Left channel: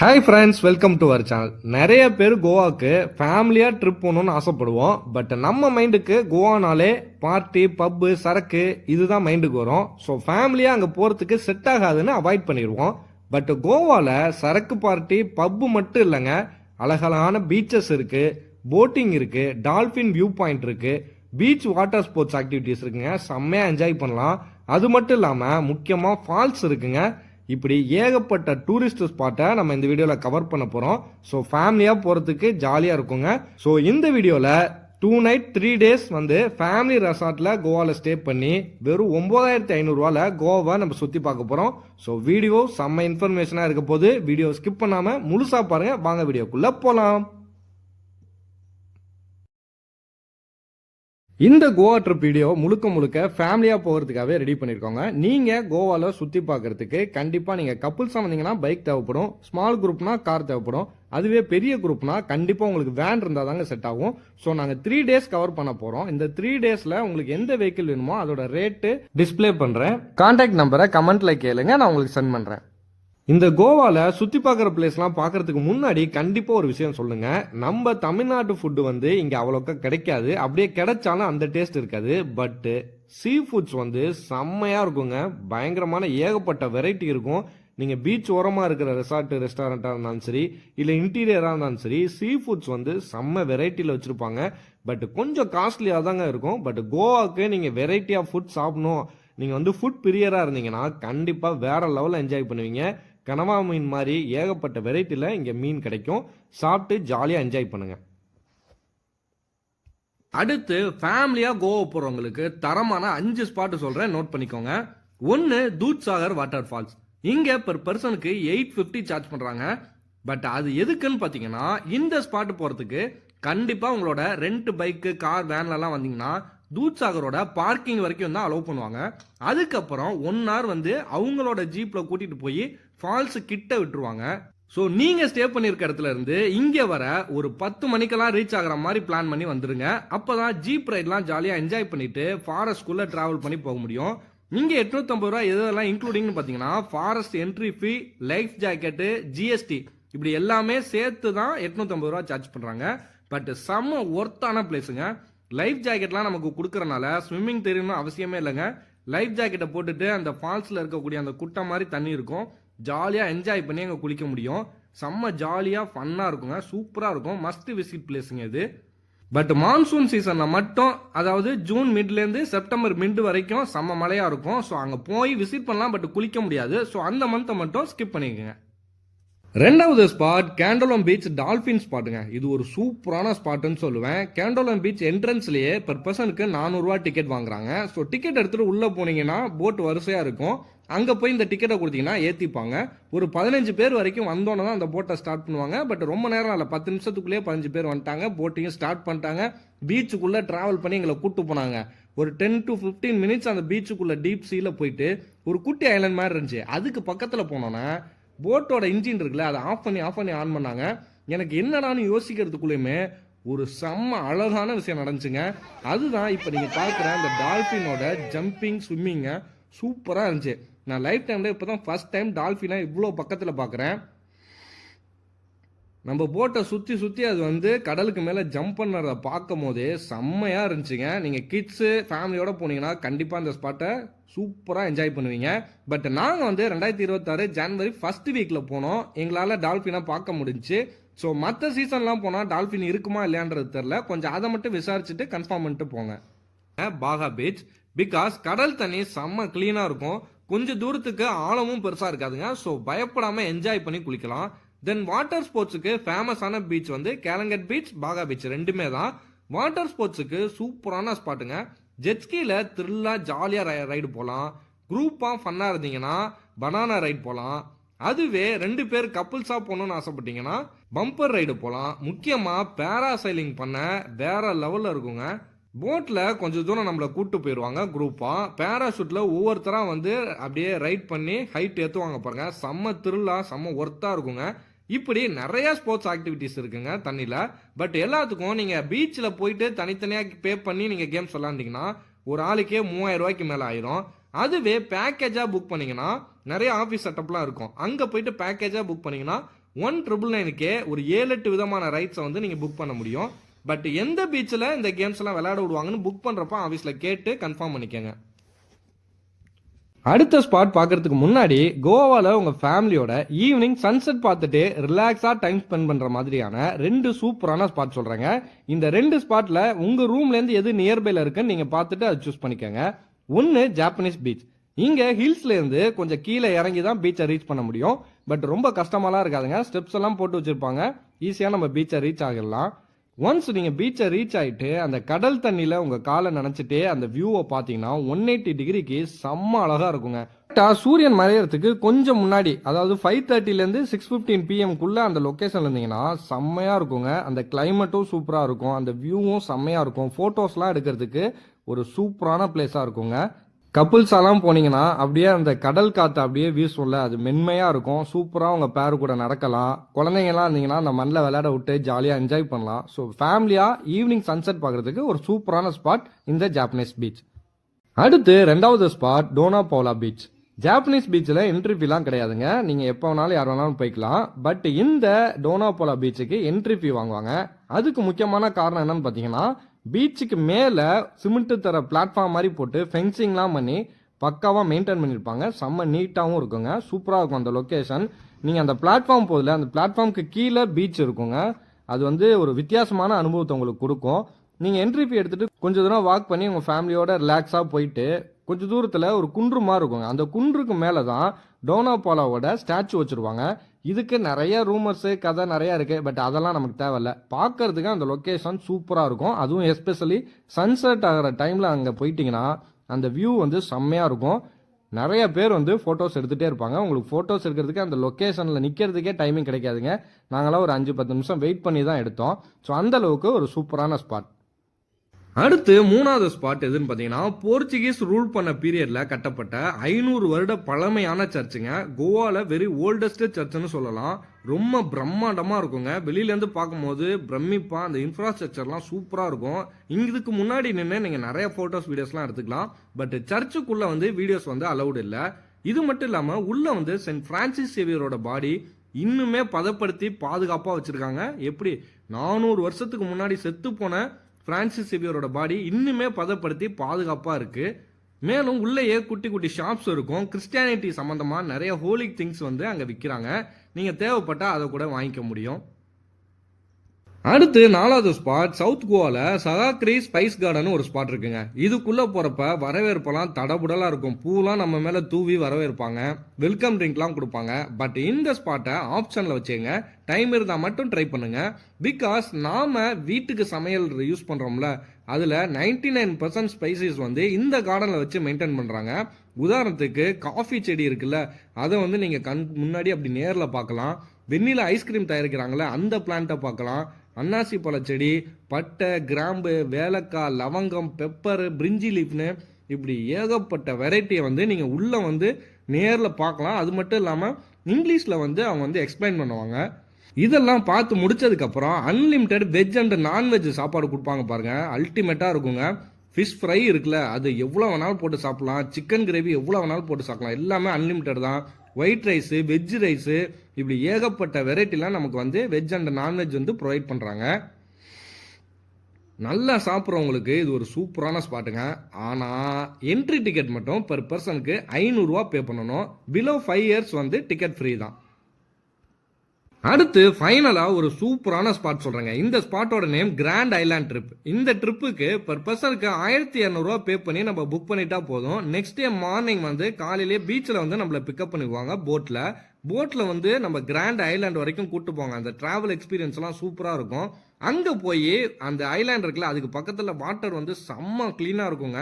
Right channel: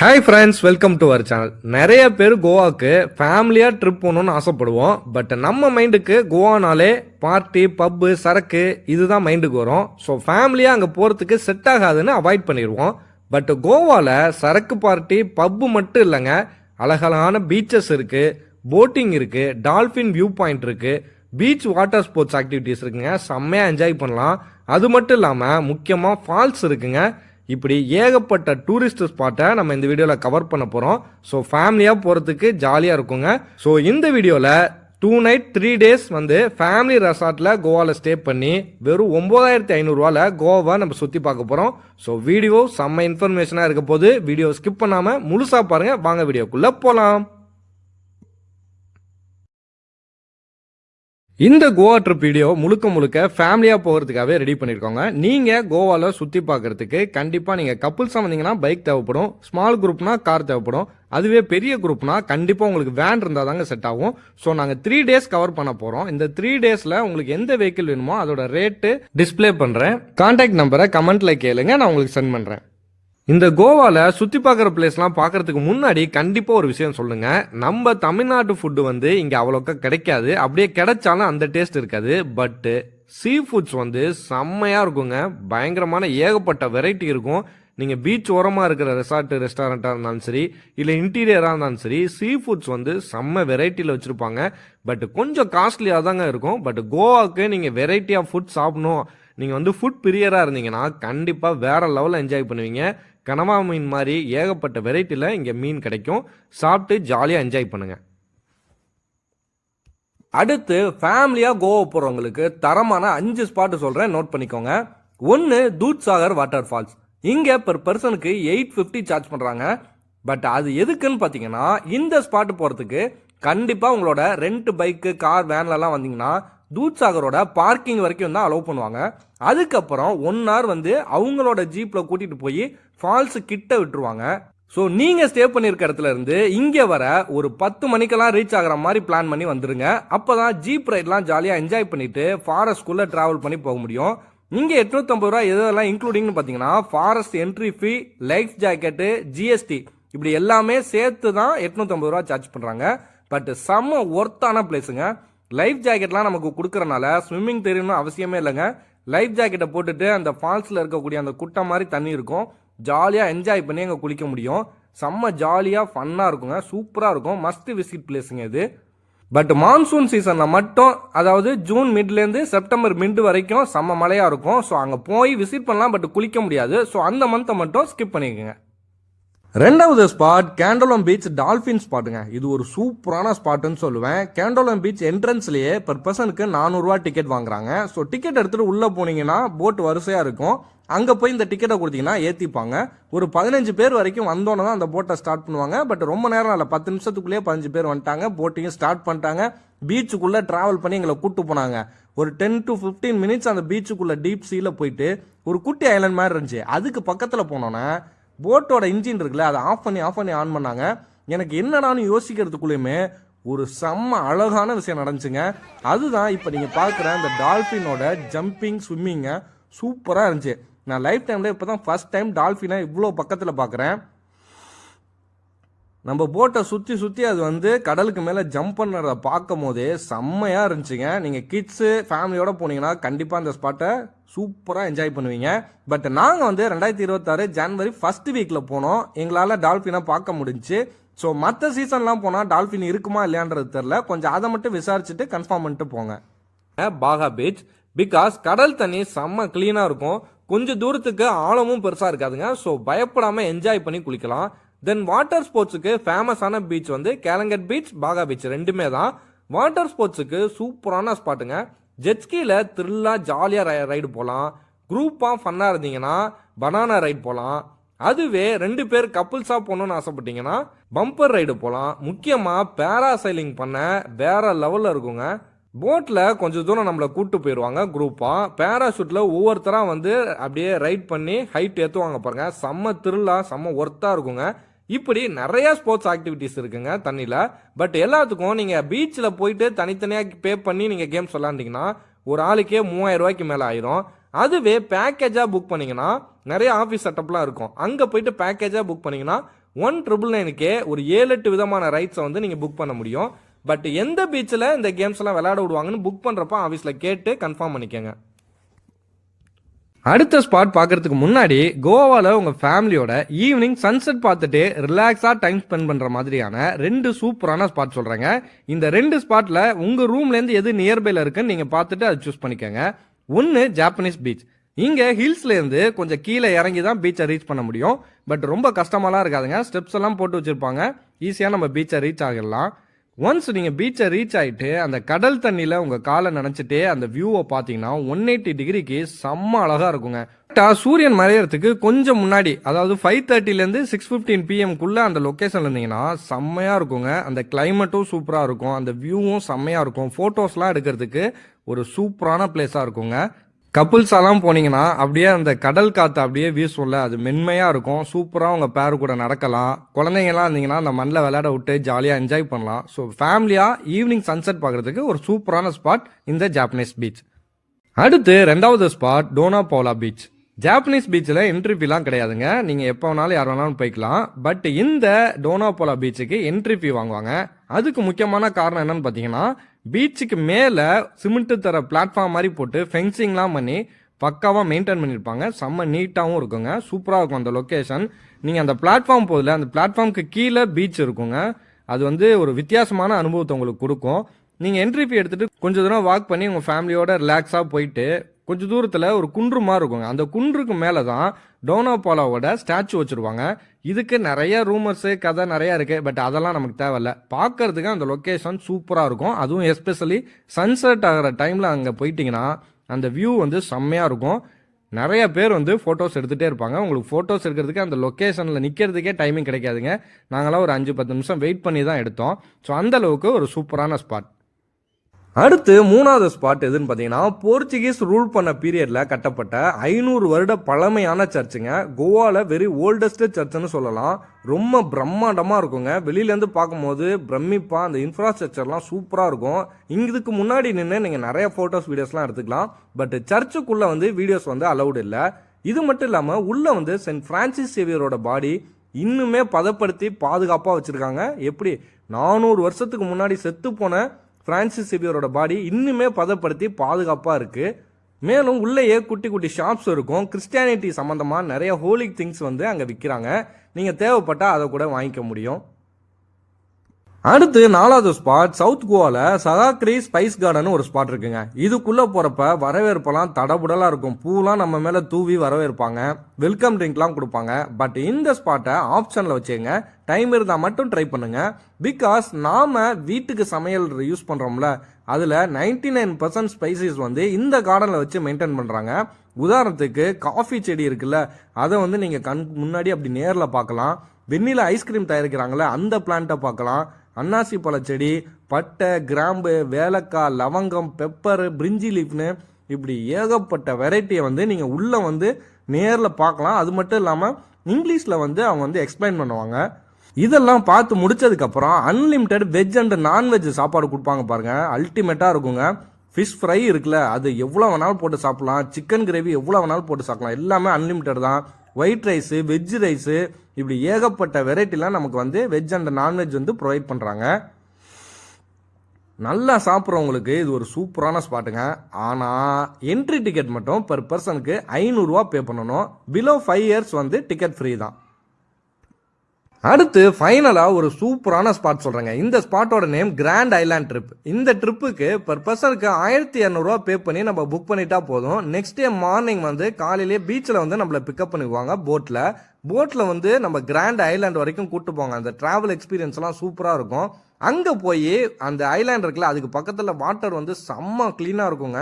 Hi friends, welcome to our channel. நிறைய பேர் கோவாக்கு ஃபேமிலியாக ட்ரிப் போகணுன்னு ஆசைப்படுவோம். பட் நம்ம மைண்டுக்கு கோவானாலே பார்ட்டி, பப்பு, சரக்கு இதுதான் மைண்டுக்கு வரும். ஸோ ஃபேமிலியாக அங்கே போகிறதுக்கு செட் ஆகாதுன்னு அவாய்ட் பண்ணிடுவோம். பட் கோவாவில் சரக்கு பார்ட்டி, பப்பு மட்டும் இல்லைங்க, அழகழகான பீச்சஸ் இருக்குது, போட்டிங் இருக்குது, டால்ஃபின் வியூ பாயிண்ட் இருக்குது, பீச் வாட்டர் ஸ்போர்ட்ஸ் ஆக்டிவிட்டீஸ் இருக்குங்க. செம்மையாக என்ஜாய் பண்ணலாம். அது மட்டும் இல்லாமல் முக்கியமாக ஃபால்ஸ் இருக்குங்க. இப்படி ஏகப்பட்ட டூரிஸ்ட் ஸ்பாட்டை நம்ம இந்த வீடியோவில் கவர் பண்ண போகிறோம். ஸோ ஃபேமிலியாக போகிறதுக்கு ஜாலியாக இருக்குங்க. ஸோ இந்த வீடியோவில் 2 நைட் 3 டேஸ் ஃபேமிலி ரெசார்ட்டில் கோவாவில் ஸ்டே பண்ணி வெறும் 9500 கோவா நம்ம சுற்றி பார்க்க போகிறோம். ஸோ வீடியோ செம்ம இன்ஃபர்மேஷனாக இருக்க போது வீடியோ ஸ்கிப் பண்ணாமல் முழுசாக பாருங்கள். வாங்க வீடியோக்குள்ளே போகலாம். இந்த கோவா ட்ரிப் வீடியோ முழுக்க ஃபேமிலியாக போகிறதுக்காகவே ரெடி பண்ணியிருக்கோங்க. நீங்கள் கோவாவில் சுற்றி பார்க்குறதுக்கு கண்டிப்பாக நீங்கள் கப்புள்ஸாக வந்தீங்கன்னா பைக் தேவைப்படும், ஸ்மால் குரூப்னா கார் தேவைப்படும், அதுவே பெரிய குரூப்னா கண்டிப்பாக உங்களுக்கு வேன் இருந்தால் தாங்க செட் ஆகும். ஸோ நாங்கள் 3 டேஸ் கவர் பண்ண போகிறோம். இந்த 3 டேஸில் உங்களுக்கு எந்த வெஹிக்கிள் வேணுமோ அதோட ரேட்டு டிஸ்பிளே பண்ணுறேன். கான்டாக்ட் நம்பரை கமெண்ட்டில் கேளுங்க, நான் உங்களுக்கு சென்ட் பண்ணுறேன். இந்த கோவாவில் சுற்றி பார்க்குற பிளேஸ்லாம் பார்க்கறதுக்கு முன்னாடி கண்டிப்பாக ஒரு விஷயம் சொல்லுங்க. நம்ம தமிழ்நாட்டு ஃபுட்டு இங்கே அவ்வளோக்கா கிடைக்காது. அப்படியே கிடைச்சாலும் அந்த டேஸ்ட் இருக்காது. பட்டு சீ ஃபுட்ஸ் செம்மையாக இருக்குங்க. பயங்கரமான ஏகப்பட்ட வெரைட்டி இருக்கும். நீங்கள் பீச் ஓரமாக இருக்கிற ரெஸ்டாரண்ட்டாக இருந்தாலும் சரி, இல்லை இன்டீரியராக இருந்தாலும் சரி, சீ ஃபுட்ஸ் செம்ம வெரைட்டியில் வச்சுருப்பாங்க. பட் கொஞ்சம் காஸ்ட்லியாக தாங்க இருக்கும். பட் கோவாவுக்கு நீங்கள் வெரைட்டி ஆஃப் ஃபுட் சாப்பிடணும், நீங்கள் ஃபுட் பிரியராக இருந்தீங்கன்னா கண்டிப்பாக வேற லெவலில் என்ஜாய் பண்ணுவீங்க. கனவா மீன் மாதிரி ஏகப்பட்ட வெரைட்டியில் இங்கே மீன் கிடைக்கும். சாப்பிட்டு ஜாலியாக என்ஜாய் பண்ணுங்க. அடுத்து ஃபேமிலியாக கோவா போகிறவங்களுக்கு தரமான 5 ஸ்பாட்டு சொல்கிறேன், நோட் பண்ணிக்கோங்க. 1 தூத்சாகர் வாட்டர் ஃபால்ஸ். இங்கே பெர் பர்சனுக்கு 850 சார்ஜ் பண்ணுறாங்க. பட் அது எதுக்குன்னு பார்த்தீங்கன்னா, இந்த ஸ்பாட்டு போகிறதுக்கு கண்டிப்பாக உங்களோட ரெண்ட் பைக்கு, கார், வேன்லலாம் வந்தீங்கன்னா தூத்சாகரோட பார்க்கிங் வரைக்கும் தான் அலோவ் பண்ணுவாங்க. அதுக்கப்புறம் 1 hour அவங்களோட ஜீப்பில் கூட்டிகிட்டு போய் ஃபால்ஸு கிட்ட விட்டுருவாங்க. ஸோ நீங்கள் ஸ்டே பண்ணியிருக்க இடத்துல இருந்து இங்கே வர ஒரு 10 மணிக்கெல்லாம் ரீச் ஆகிற மாதிரி பிளான் பண்ணி வந்துருங்க. அப்போ தான் ஜீப் ரைட்லாம் ஜாலியாக என்ஜாய் பண்ணிவிட்டு ஃபாரஸ்ட்குள்ளே ட்ராவல் பண்ணி போக முடியும். இங்கே 850 ரூபா எதெல்லாம் இன்க்ளூடிங்னு பார்த்தீங்கன்னா, ஃபாரஸ்ட் என்ட்ரி ஃபீ, லைஃப் ஜாக்கெட்டு, ஜிஎஸ்டி இப்படி எல்லாமே சேர்த்து தான் 850 ரூபா சார்ஜ் பண்ணுறாங்க. பட் செம்ம ஒர்த்தான பிளேஸுங்க. லைஃப் ஜாக்கெட்லாம் நமக்கு கொடுக்குறனால ஸ்விம்மிங் தெரியணும்னு அவசியமே இல்லைங்க. லைஃப் ஜாக்கெட்டை போட்டுட்டு அந்த ஃபால்ஸில் இருக்கக்கூடிய அந்த குட்டை மாதிரி தண்ணி இருக்கும், ஜாலியாக என்ஜாய் பண்ணி அங்கே குளிக்க முடியும். செம்ம ஜாலியாக ஃபன்னாக இருக்குங்க, சூப்பராக இருக்கும். மஸ்ட் விசிட் பிளேஸுங்க இது. பட் மான்சூன் சீசனில் மட்டும், அதாவது ஜூன் மிட்லேருந்து செப்டம்பர் மிட் வரைக்கும் செம்ம மழையாக இருக்கும். ஸோ அங்கே போய் விசிட் பண்ணலாம், பட் குளிக்க முடியாது. ஸோ அந்த மந்த்தை மட்டும் ஸ்கிப் பண்ணிக்கோங்க. 2வது ஸ்பாட் கேண்டோலம் பீச் டால்ஃபின் ஸ்பாட்டுங்க. இது ஒரு சூப்பரான ஸ்பாட்டுன்னு சொல்லுவேன். கேண்டோலம் பீச் என்ட்ரன்ஸ்லேயே பெர் பர்சனுக்கு 400 ரூபா டிக்கெட் வாங்குறாங்க. ஸோ டிக்கெட் எடுத்துகிட்டு உள்ளே போனீங்கன்னா போட் வரிசையாக இருக்கும். அங்கே போய் இந்த டிக்கெட்டை கொடுத்தீங்கன்னா ஏற்றிப்பாங்க. ஒரு 15 பேர் வரைக்கும் வந்தோன்னே தான் அந்த போட்டை ஸ்டார்ட் பண்ணுவாங்க. பட் ரொம்ப நேரம் இல்லை, 10 நிமிஷத்துக்குள்ளேயே 15 பேர் வந்துட்டாங்க. போட்டிங்கும் ஸ்டார்ட் பண்ணிட்டாங்க. பீச்சுக்குள்ளே ட்ராவல் பண்ணி எங்களை கூப்பிட்டு போனாங்க. ஒரு 10 to 15 மினிட்ஸ் அந்த பீச்சுக்குள்ளே டீப் சீல போயிட்டு ஒரு குட்டி ஐலண்ட் மாதிரி இருந்துச்சு. அதுக்கு பக்கத்தில் போனோன்னே போட்டோட இன்ஜின் இருக்குல்ல, அதை ஆஃப் பண்ணி ஆன் பண்ணாங்க. எனக்கு என்னடான்னு யோசிக்கிறதுக்குள்ளேயுமே ஒரு செம்ம அழகான விஷயம் நடந்துச்சுங்க. அதுதான் இப்போ நீங்கள் பார்க்குற அந்த டால்ஃபினோட ஜம்பிங், ஸ்விம்மிங்க சூப்பராக இருந்துச்சு. நான் லைஃப் டைமில் இப்போ தான் ஃபர்ஸ்ட் டைம் டால்ஃபினை இவ்வளோ பக்கத்தில் பார்க்குறேன். நம்ம போட்டை சுற்றி அது கடலுக்கு மேலே ஜம்ப் பண்ணுறத பார்க்கும் போதே செம்மையாக இருந்துச்சுங்க. நீங்கள் கிட்ஸு ஃபேமிலியோடு போனீங்கன்னா கண்டிப்பாக அந்த ஸ்பாட்டை சூப்பராக என்ஜாய் பண்ணுவீங்க. பட் நாங்கள் 2026 ஜனவரி 1st வீக்கில் போனோம். எங்களால் டால்ஃபினை பார்க்க முடிஞ்சிச்சு. ஸோ மற்ற சீசன்லாம் போனால் டால்ஃபின் இருக்குமா இல்லையான்றது தெரில. கொஞ்சம் அதை மட்டும் விசாரிச்சுட்டு கன்ஃபார்ம் பண்ணிட்டு போங்க. பாகா பீச், பிகாஸ் கடல் தண்ணி செம்ம க்ளீனாக இருக்கும். கொஞ்சம் தூரத்துக்கு ஆழமும் பெருசாக இருக்காதுங்க. ஸோ பயப்படாமல் என்ஜாய் பண்ணி குளிக்கலாம். தென் வாட்டர் ஸ்போர்ட்ஸுக்கு ஃபேமஸான பீச் கேலங்கட் பீச், பாகா பீச் ரெண்டுமே தான். வாட்டர் ஸ்போர்ட்ஸுக்கு சூப்பரான ஸ்பாட்டுங்க. ஜெட்ஸ்கியில் த்ரில்லாக ஜாலியாக ரைடு போகலாம். குரூப்பாக ஃபன்னாக இருந்தீங்கன்னா பனானா ரைட் போகலாம். அதுவே 2 பேர் கப்புள்ஸாக போகணுன்னு ஆசைப்பட்டீங்கன்னா பம்பர் ரைடு போகலாம். முக்கியமாக பேராசைலிங் பண்ண வேற லெவலில் இருக்குங்க. போட்டில் கொஞ்சம் தூரம் நம்மளை கூப்பிட்டு போயிடுவாங்க குரூப்பாக. பேராஷூட்டில் ஒவ்வொருத்தராக அப்படியே ரைட் பண்ணி ஹைட் ஏற்றுவாங்க பாருங்க. செம்ம த்ரில்லாக செம்ம ஒர்த்தாக இருக்குங்க. இப்படி நிறைய ஸ்போர்ட்ஸ் ஆக்டிவிட்டிஸ் இருக்குங்க தண்ணியில். பட் எல்லாத்துக்கும் நீங்கள் பீச்சில் போயிட்டு தனித்தனியாக பே பண்ணி நீங்கள் கேம்ஸ் விளாண்டிங்கன்னா ஒரு ஆளுக்கே 3000 ரூபாய்க்கு மேலே ஆயிரும். அதுவே பேக்கேஜாக புக் பண்ணிங்கன்னா நிறைய ஆஃபீஸ் செட்டப்லாம் இருக்கும். அங்கே போயிட்டு பேக்கேஜாக புக் பண்ணிங்கன்னா 1,999க்கே ஒரு 7-8 விதமான ரைட்ஸை வந்து நீங்கள் புக் பண்ண முடியும். பட் எந்த பீச்சில் இந்த கேம்ஸ் எல்லாம் விளையாட விடுவாங்கன்னு புக் பண்ணுறப்ப ஆஃபீஸில் கேட்டு கன்ஃபார்ம் பண்ணிக்கோங்க. அடுத்த ஸ்பாட் பார்க்கறதுக்கு முன்னாடி கோவாவில் உங்கள் ஃபேமிலியோட ஈவினிங் சன்செட் பார்த்துட்டு ரிலாக்ஸாக டைம் ஸ்பெண்ட் பண்ணுற மாதிரியான 2 சூப்பரான ஸ்பாட் சொல்கிறேங்க. இந்த 2 ஸ்பாட்டில் உங்கள் ரூம்லேருந்து எது நியர்பையில் இருக்குன்னு நீங்கள் பார்த்துட்டு அதை சூஸ் பண்ணிக்கோங்க. ஒன்று ஜாப்பனீஸ் பீச். இங்கே ஹில்ஸ்லேருந்து கொஞ்சம் கீழே இறங்கி தான் பீச்சை ரீச் பண்ண முடியும். பட் ரொம்ப கஷ்டமாலாம் இருக்காதுங்க. ஸ்டெப்ஸ் எல்லாம் போட்டு வச்சுருப்பாங்க. ஈஸியாக நம்ம பீச்சை ரீச் ஆகிடலாம். ஒன்ஸ் நீங்கள் பீச்சை ரீச் ஆகிட்டு அந்த கடல் தண்ணியில் உங்கள் காலை நினச்சிட்டு அந்த வியூவை பார்த்தீங்கன்னா 180 டிகிரிக்கு செம்ம அழகாக இருக்குங்க. சூரியன் மறையறதுக்கு கொஞ்சம் முன்னாடி, அதாவது 5:30லேருந்து 6:15 PM அந்த லொக்கேஷன்ல இருந்தீங்கன்னா செம்மையாக இருக்குங்க. அந்த கிளைமேட்டும் சூப்பராக இருக்கும், அந்த வியூவும் செம்மையாக இருக்கும். ஃபோட்டோஸ்லாம் எடுக்கிறதுக்கு ஒரு சூப்பரான பிளேஸாக இருக்குங்க. கப்புள்ஸ் எல்லாம் போனீங்கன்னா அப்படியே அந்த கடல் காற்று அப்படியே வீசும்ல, அது மென்மையாக இருக்கும். சூப்பராக உங்கள் பேரு கூட நடக்கலாம். குழந்தைங்கலாம் இருந்தீங்கன்னா அந்த மண்ணில் விளையாட விட்டு ஜாலியாக என்ஜாய் பண்ணலாம். ஸோ ஃபேமிலியாக ஈவினிங் சன்செட் பார்க்குறதுக்கு ஒரு சூப்பரான ஸ்பாட் இந்த ஜாப்பனீஸ் பீச். அடுத்து 2வது ஸ்பாட் டோனா பவுலா பீச். ஜாப்பனீஸ் பீச்சில் என்ட்ரி ஃபீலாம் கிடையாதுங்க. நீங்கள் எப்போ வேணாலும் யார் வேணாலும் போய்க்கலாம். பட் இந்த டோனா பவுலா பீச்சுக்கு என்ட்ரி ஃபீ வாங்குவாங்க. அதுக்கு முக்கியமான காரணம் என்னன்னு பார்த்தீங்கன்னா, பீச்சுக்கு மேலே சிமெண்ட் தர பிளாட்ஃபார்ம் மாதிரி போட்டு ஃபென்சிங்லாம் பண்ணி பக்காவாக மெயின்டைன் பண்ணியிருப்பாங்க. செம்ம நீட்டாகவும் இருக்குங்க. சூப்பராக இருக்கும் அந்த லொக்கேஷன். நீங்கள் அந்த பிளாட்ஃபார்ம் போதில் அந்த பிளாட்ஃபார்முக்கு கீழே பீச் இருக்குங்க. அது வந்து ஒரு வித்தியாசமான அனுபவத்தை உங்களுக்கு கொடுக்கும். நீங்கள் என்ட்ரி ஃபீ எடுத்துகிட்டு கொஞ்சம் தூரம் வாக் பண்ணி உங்கள் ஃபேமிலியோட ரிலாக்ஸாக போயிட்டு கொஞ்சம் தூரத்தில் ஒரு குன்று மாதிரி இருக்குங்க. அந்த குன்றுக்கு மேலே தான் டோனா பவுலாவோட ஸ்டாச்சு வச்சுருவாங்க. இதுக்கு நிறைய ரூமர்ஸு கதை நிறையா இருக்குது. பட் அதெல்லாம் நமக்கு தேவையில்ல. பார்க்கறதுக்கு அந்த லொக்கேஷன் சூப்பராக இருக்கும். அதுவும் எஸ்பெஷலி சன்செட் ஆகிற டைமில் அங்கே போயிட்டீங்கன்னா அந்த வியூ வந்து செம்மையாக இருக்கும். நிறைய பேர் வந்து ஃபோட்டோஸ் எடுத்துகிட்டே இருப்பாங்க. உங்களுக்கு ஃபோட்டோஸ் எடுக்கிறதுக்கு அந்த லொக்கேஷனில் நிற்கிறதுக்கே டைமிங் கிடைக்காதுங்க. நாங்களாம் ஒரு 5-10 நிமிஷம் வெயிட் பண்ணி தான் எடுத்தோம். ஸோ அந்தளவுக்கு ஒரு சூப்பரான ஸ்பாட். அடுத்து 3வது ஸ்பாட் எதுன்னு பார்த்தீங்கன்னா, போர்ச்சுகீஸ் ரூல் பண்ண பீரியடில் கட்டப்பட்ட 500 வருட பழமையான சர்ச்சுங்க. கோவாவில் வெரி ஓல்டஸ்ட் சர்ச்சுன்னு சொல்லலாம். ரொம்ப பிரம்மாண்டமாக இருக்குங்க. வெளியிலேருந்து பார்க்கும்போது பிரமிப்பாக அந்த இன்ஃப்ராஸ்ட்ரக்சர்லாம் சூப்பராக இருக்கும். இதுக்கு முன்னாடி நின்று நீங்கள் நிறைய ஃபோட்டோஸ் வீடியோஸ்லாம் எடுத்துக்கலாம். பட் சர்ச்சுக்குள்ளே வந்து வீடியோஸ் வந்து அலௌடு இல்லை. இது மட்டும் இல்லாமல் உள்ளே வந்து சென்ட் பிரான்சிஸ் சேவியரோட பாடி இன்னுமே பதப்படுத்தி பாதுகாப்பாக வச்சுருக்காங்க. எப்படி 400 வருஷத்துக்கு முன்னாடி செத்து போன பிரான்சிஸ் சேவியரோட பாடி இன்னுமே பதப்படுத்தி பாதுகாப்பாக இருக்குது. மேலும் உள்ளேயே குட்டி குட்டி ஷாப்ஸ் இருக்கும். கிறிஸ்டியானிட்டி சம்மந்தமாக நிறைய ஹோலி திங்ஸ் வந்து அங்கே விற்கிறாங்க. நீங்கள் தேவைப்பட்டால் அதை கூட வாங்கிக்க முடியும். அடுத்து 4வது ஸ்பாட் சவுத் கோவாவில் சகாக்ரி ஸ்பைஸ் கார்டன் ஒரு ஸ்பாட் இருக்குங்க. இதுக்குள்ளே போகிறப்ப வரவேற்பெல்லாம் தடபுடலாக இருக்கும். பூலாம் நம்ம மேலே தூவி வரவேற்பாங்க. வெல்கம் ட்ரிங்க்லாம் கொடுப்பாங்க. பட் இந்த ஸ்பாட்டை ஆப்ஷனில் வச்சுங்க. டைம் இருந்தால் மட்டும் ட்ரை பண்ணுங்க. பிகாஸ் நாம் வீட்டுக்கு சமையல் யூஸ் பண்ணுறோம்ல, அதில் 99% ஸ்பைசஸ் வந்து இந்த கார்டனில் வச்சு மெயின்டைன் பண்ணுறாங்க. உதாரணத்துக்கு காஃபி செடி இருக்குல்ல, அதை வந்து நீங்கள் கண் முன்னாடி அப்படி நேரில் பார்க்கலாம். வெண்ணிலா ஐஸ்கிரீம் தயாரிக்கிறாங்களே அந்த பிளான்ட்டை பார்க்கலாம். அன்னாசி பழச்செடி, பட்டை, கிராம்பு, வேலக்காய், லவங்கம், பெப்பரு, பிரிஞ்சி லீஃப்னு இப்படி ஏகப்பட்ட வெரைட்டியை வந்து நீங்கள் உள்ளே வந்து நேரில் பார்க்கலாம். அது மட்டும் இல்லாமல் இங்கிலீஷில் வந்து அவங்க வந்து எக்ஸ்பிளைன் பண்ணுவாங்க. இதெல்லாம் பார்த்து முடிச்சதுக்கப்புறம் அன்லிமிட்டெட் வெஜ் அண்ட் நான்வெஜ் சாப்பாடு கொடுப்பாங்க பாருங்கள். அல்டிமேட்டாக இருக்குங்க. ஃபிஷ் ஃப்ரை இருக்குல்ல, அது எவ்வளோ வேணாலும் போட்டு சாப்பிட்லாம். சிக்கன் கிரேவி எவ்வளோ வேணாலும் போட்டு சாப்பிட்லாம். எல்லாமே அன்லிமிட்டட் தான். ஒயிட் ரைஸு, வெஜ் ரைஸு, இப்படி ஏகப்பட்ட வெரைட்டிலாம் நமக்கு வந்து வெஜ் அண்ட் நான்வெஜ் வந்து ப்ரொவைட் பண்ணுறாங்க. நல்லா சாப்பிட்றவங்களுக்கு இது ஒரு சூப்பரான ஸ்பாட்டுங்க. ஆனால் என்ட்ரி டிக்கெட் மட்டும் பெர் பர்சனுக்கு 500 ரூபா பே பண்ணணும். பிலோ 5 இயர்ஸ் வந்து டிக்கெட் ஃப்ரீ தான். அடுத்து ஃபைனலாக ஒரு சூப்பரான ஸ்பாட் சொல்கிறேங்க. இந்த ஸ்பாட்டோட நேம் கிராண்ட் ஐலாண்ட் ட்ரிப். இந்த ட்ரிப்புக்கு பர் பர்சனுக்கு 1200 ரூபா பே பண்ணி நம்ம புக் பண்ணிட்டா போதும். நெக்ஸ்ட் டே மார்னிங் வந்து காலையிலேயே பீச்சில் வந்து நம்மளை பிக்கப் பண்ணிக்குவாங்க போட்டில் வந்து நம்ம கிராண்ட் ஐலாண்ட் வரைக்கும் கூப்பிட்டு போவாங்க. அந்த ட்ராவல் எக்ஸ்பீரியன்ஸ்லாம் சூப்பராக இருக்கும். அங்கே போய் அந்த ஐலாண்ட் இருக்குல்ல, அதுக்கு பக்கத்தில் வாட்டர் வந்து செம்ம க்ளீனாக இருக்குங்க.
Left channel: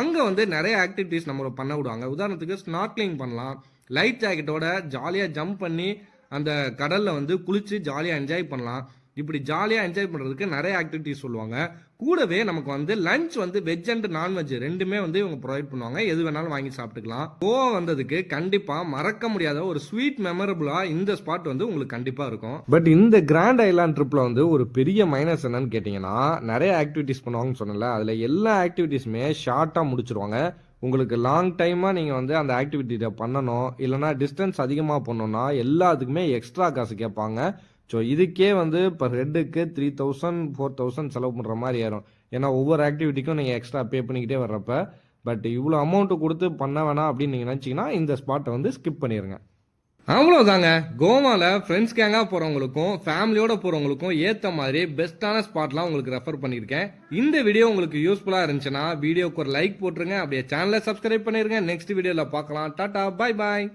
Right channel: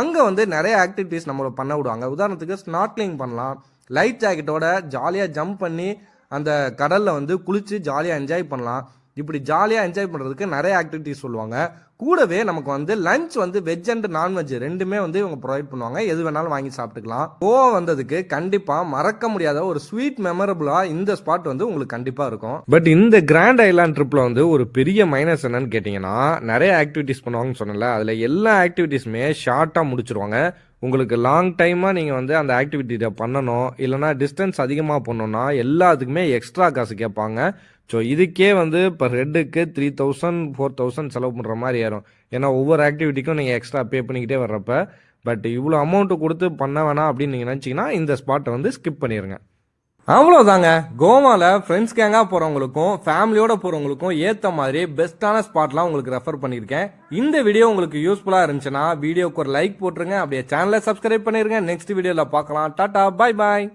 அங்கே வந்து நிறைய ஆக்டிவிட்டீஸ் நம்மளை பண்ண விடுவாங்க. உதாரணத்துக்கு ஸ்நார்க்லிங் பண்ணலாம். லைட் ஜாக்கெட்டோட ஜாலியாக ஜம்ப் பண்ணி அந்த கடலில் வந்து குளித்து ஜாலியாக என்ஜாய் பண்ணலாம். இப்படி ஜாலியாக என்ஜாய் பண்ணுறதுக்கு நிறைய ஆக்டிவிட்டிஸ் சொல்லுவாங்க. கூடவே நமக்கு வந்து லஞ்ச் வந்து வெஜ் அண்ட் நான்வெஜ் ரெண்டுமே வந்து இவங்க ப்ரொவைட் பண்ணுவாங்க. எது வேணாலும் வாங்கி சாப்பிட்டுக்கலாம். கோவா வந்ததுக்கு கண்டிப்பாக மறக்க முடியாத ஒரு ஸ்வீட் மெமரபுளாக இந்த ஸ்பாட் வந்து உங்களுக்கு கண்டிப்பாக இருக்கும். பட் இந்த கிராண்ட் ஐலாண்ட் ட்ரிப்பில் வந்து ஒரு பெரிய மைனஸ் என்னன்னு கேட்டிங்கன்னா, நிறைய ஆக்டிவிட்டிஸ் பண்ணுவாங்கன்னு சொன்னல, அதில் எல்லா ஆக்டிவிட்டீஸுமே ஷார்ட்டாக முடிச்சிருவாங்க. உங்களுக்கு லாங் டைமாக நீங்கள் வந்து அந்த ஆக்டிவிட்டியை பண்ணணும், இல்லைனா டிஸ்டன்ஸ் அதிகமாக பண்ணணும்னா எல்லாத்துக்குமே எக்ஸ்ட்ரா காசு கேட்பாங்க. ஸோ இதுக்கே வந்து இப்போ ஹெட்டுக்கு 3000 4000 செலவு பண்ணுற மாதிரி ஏறும். ஏன்னா ஒவ்வொரு ஆக்டிவிட்டிக்கும் நீங்கள் எக்ஸ்ட்ரா பே பண்ணிக்கிட்டே வர்றப்ப. பட் இவ்வளோ அமௌண்ட்டு கொடுத்து பண்ண வேணாம் அப்படின்னு நீங்கள் நினச்சிங்கன்னா இந்த ஸ்பாட்டை வந்து ஸ்கிப் பண்ணிடுங்க. அவ்வளோதாங்க. கோவாவில் ஃப்ரெண்ட்ஸ் கேங்காக போகிறவங்களுக்கும் ஃபேமிலியோட போகிறவங்களுக்கும் ஏற்ற மாதிரி பெஸ்ட்டான ஸ்பாட்லாம் உங்களுக்கு ரெஃபர் பண்ணியிருக்கேன். இந்த வீடியோ உங்களுக்கு யூஸ்ஃபுல்லாக இருந்துச்சுன்னா வீடியோக்கு ஒரு லைக் போட்டுருங்க. அப்படியே சேனலை சப்ஸ்கிரைப் பண்ணிடுங்க. நெக்ஸ்ட் வீடியோவில் பார்க்கலாம். டாடா, பாய் பாய்.